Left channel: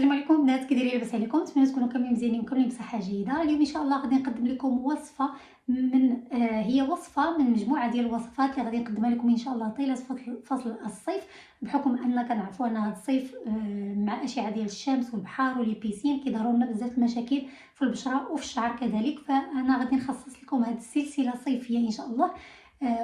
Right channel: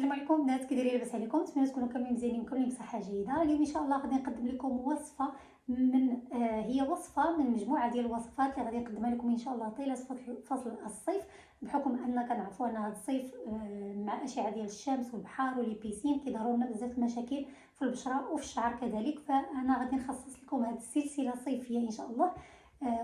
السلام عليكم بنات، كي دايرين؟ لاباس عليكم؟ نتمنى تكونوا كاملين مزيانين وكاملين بصحه جيده. اليوم ان شاء الله غادي نقدم لكم وصفه هي وصفه من مجموعه ديال الوصفات اللي غادي نقدمها لكم ان شاء الله طيله فصل الصيف، بحكم ان كنعرفوا ان هذا الصيف مع الاشعه ديال الشمس والبحر ولي بيسين كيظهروا لنا بزاف المشاكل في البشره وفي الشعر كذلك. فانا غادي نخصص لكم هذه السلسله صيفيه ان شاء الله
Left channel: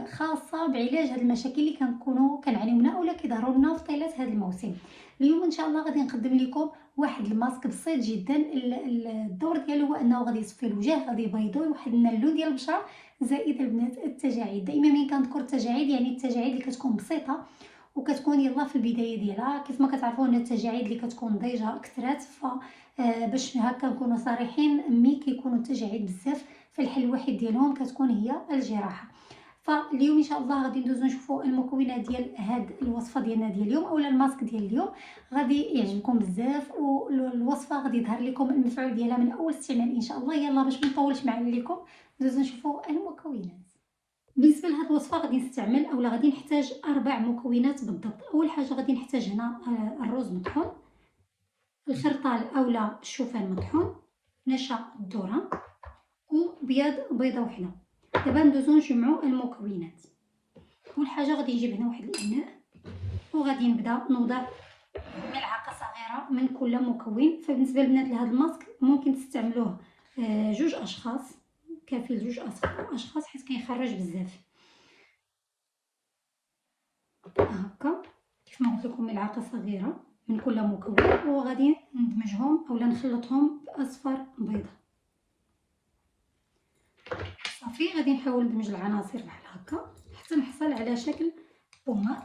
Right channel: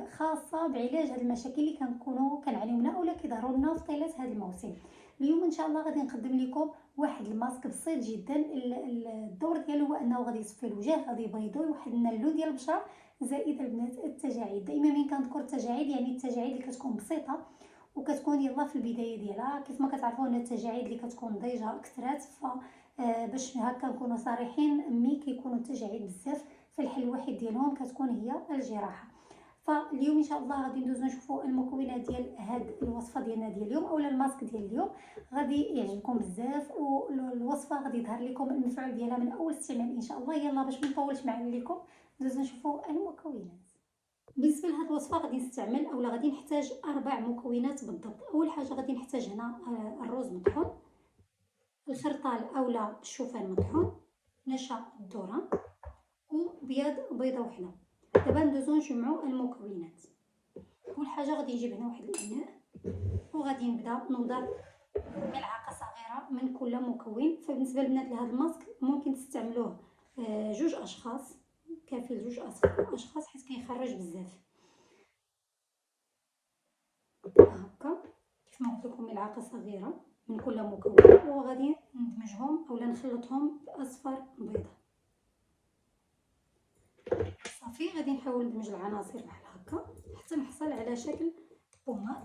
خاصه بعلاج هذه المشاكل اللي كنكونوا كنعانيو منها اولا كيظهروا لنا في طيله هذا الموسم. اليوم ان شاء الله غادي نقدم لكم واحد الماسك بسيط جدا. الدور ديالو هو انه غادي يصفي الوجه، غادي يبيضو، يوحد لنا اللون ديال البشره. زائد البنات التجاعيد، دائما ملي كنذكر التجاعيد يعني التجاعيد اللي كتكون بسيطه وكتكون يلا في البدايه ديالها. كيف ما كتعرفوا ان التجاعيد اللي كتكون ضيجه كثرات، ف باش هكا نكونوا صريحين، ملي كيكونوا التجاعيد بزاف فالحل الوحيد ديالهم كتكون هي الجراحه. فاليوم ان شاء الله غادي ندوزو نشوفوا المكونات ديال هاد الوصفه ديالنا ديال اليوم اولا الماسك ديال اليوم. غادي يعجبكم بزاف والوصفه غادي يظهر لكم المفعول ديالها من اول استعمال ان شاء الله. يلا باش ما نطولش عليكم ندوزو نشوفوا المكونات. بالنسبه لهاد الوصفه غادي نستعمل اولا غادي نحتاج 4 مكونات بالضبط. اول حاجه غادي نحتاج هنا الرز مطحون، الخرطال اولا الشوفان مطحون، نشا الذره وبياض بيضه وحده. دابا ندوزو نجمعوا المكونات. اول حاجه غادي نجيب هنا واحد الاناء وغادي نبدا نوضع ملعقه صغيره من كل مكون. فبالنسبه للبنات لهذا الماسك ممكن تستعملوه جوج اشخاص، كافي لجوج اشخاص حيت كيخرج بزاف. هكا كيف ما قلت لكم ملعقه صغيره من كل مكون، وغادي ندمجهم اولا نخلطهم باصفر بيضه. صافي غادي نحاول ندمج العناصر بحال هكا حتى نحصل على شكل بوماط.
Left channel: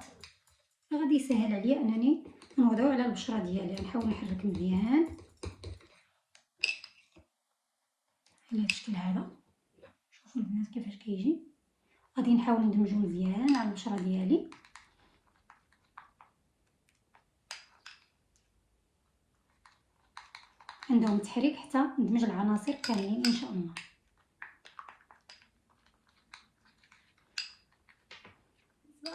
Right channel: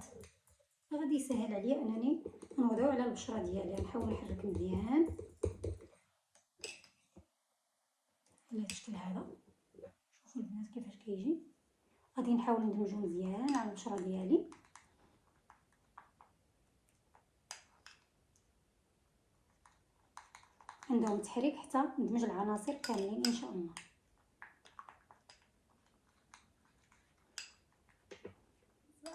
غادي يسهل عليا انني نوضعو على البشره ديالي. نحاول نحرك مزيان على الشكل هذا. شوفوا البنات كيفاش كيجي. غادي نحاول ندمجو مزيان على البشره ديالي. عندهم تحريك حتى ندمج العناصر كاملين ان شاء الله.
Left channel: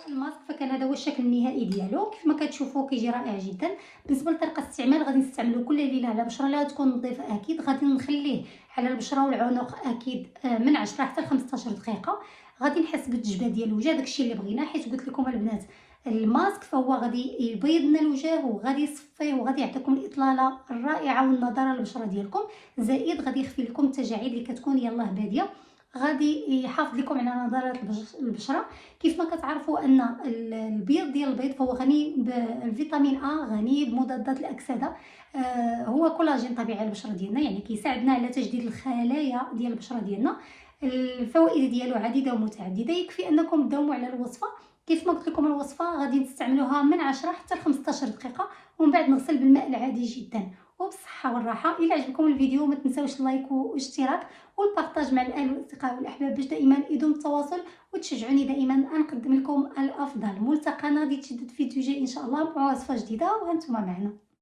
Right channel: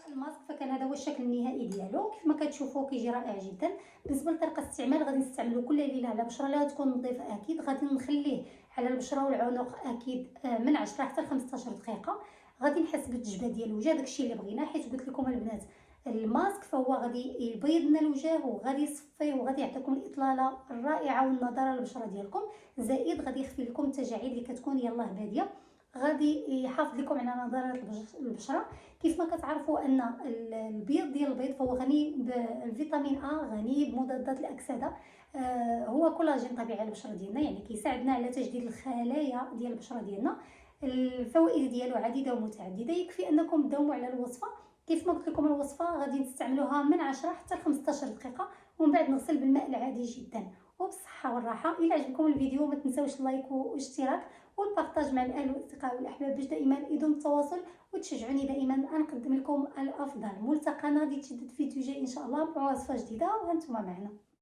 الماسك فكان هذا هو الشكل النهائي ديالو. كيف ما كتشوفوا كيجي رائع جدا. بالنسبه لطريقه الاستعمال غادي نستعملو كل ليله على البشره اللي غتكون نظيفه اكيد. غادي نخليه على البشره والعنق اكيد من 10 حتى 15 دقيقه. غادي نحس بالتجبه ديال الوجه، داكشي اللي بغينا، حيت قلت لكم البنات الماسك فهو غادي يبيض لنا الوجه وغادي يصفيه وغادي يعطيكم الاطلاله الرائعه والنضاره للبشره ديالكم. زائد غادي يخفي لكم التجاعيد اللي كتكون يلاه باديه، غادي يحافظ لكم على نضاره البشره. كيف ما كتعرفوا ان البيض ديال البيض فهو غني بالفيتامين ا، غني بمضادات الاكسده. هو كولاجين طبيعي على البشره ديالنا، يعني كيساعدنا على تجديد الخلايا ديال البشره ديالنا. الفوائد ديالو عديده ومتعدده. يكفي انكم تداوموا على الوصفه. كيف ما قلت لكم الوصفه غادي تستعملوها من 10 حتى 15 دقيقه ومن بعد نغسل بالماء العادي جدا وبالصحه والراحه. الى عجبكم الفيديو ما تنساوش اللايك والاشتراك والبارطاج مع الاهل والاصدقاء والاحباب باش دائما يدوم التواصل وتشجعوني دائما نقدم لكم الافضل. ملتقانا غادي تجدد فيديو جاي ان شاء الله مع وصفه جديده وهانتوما معنا.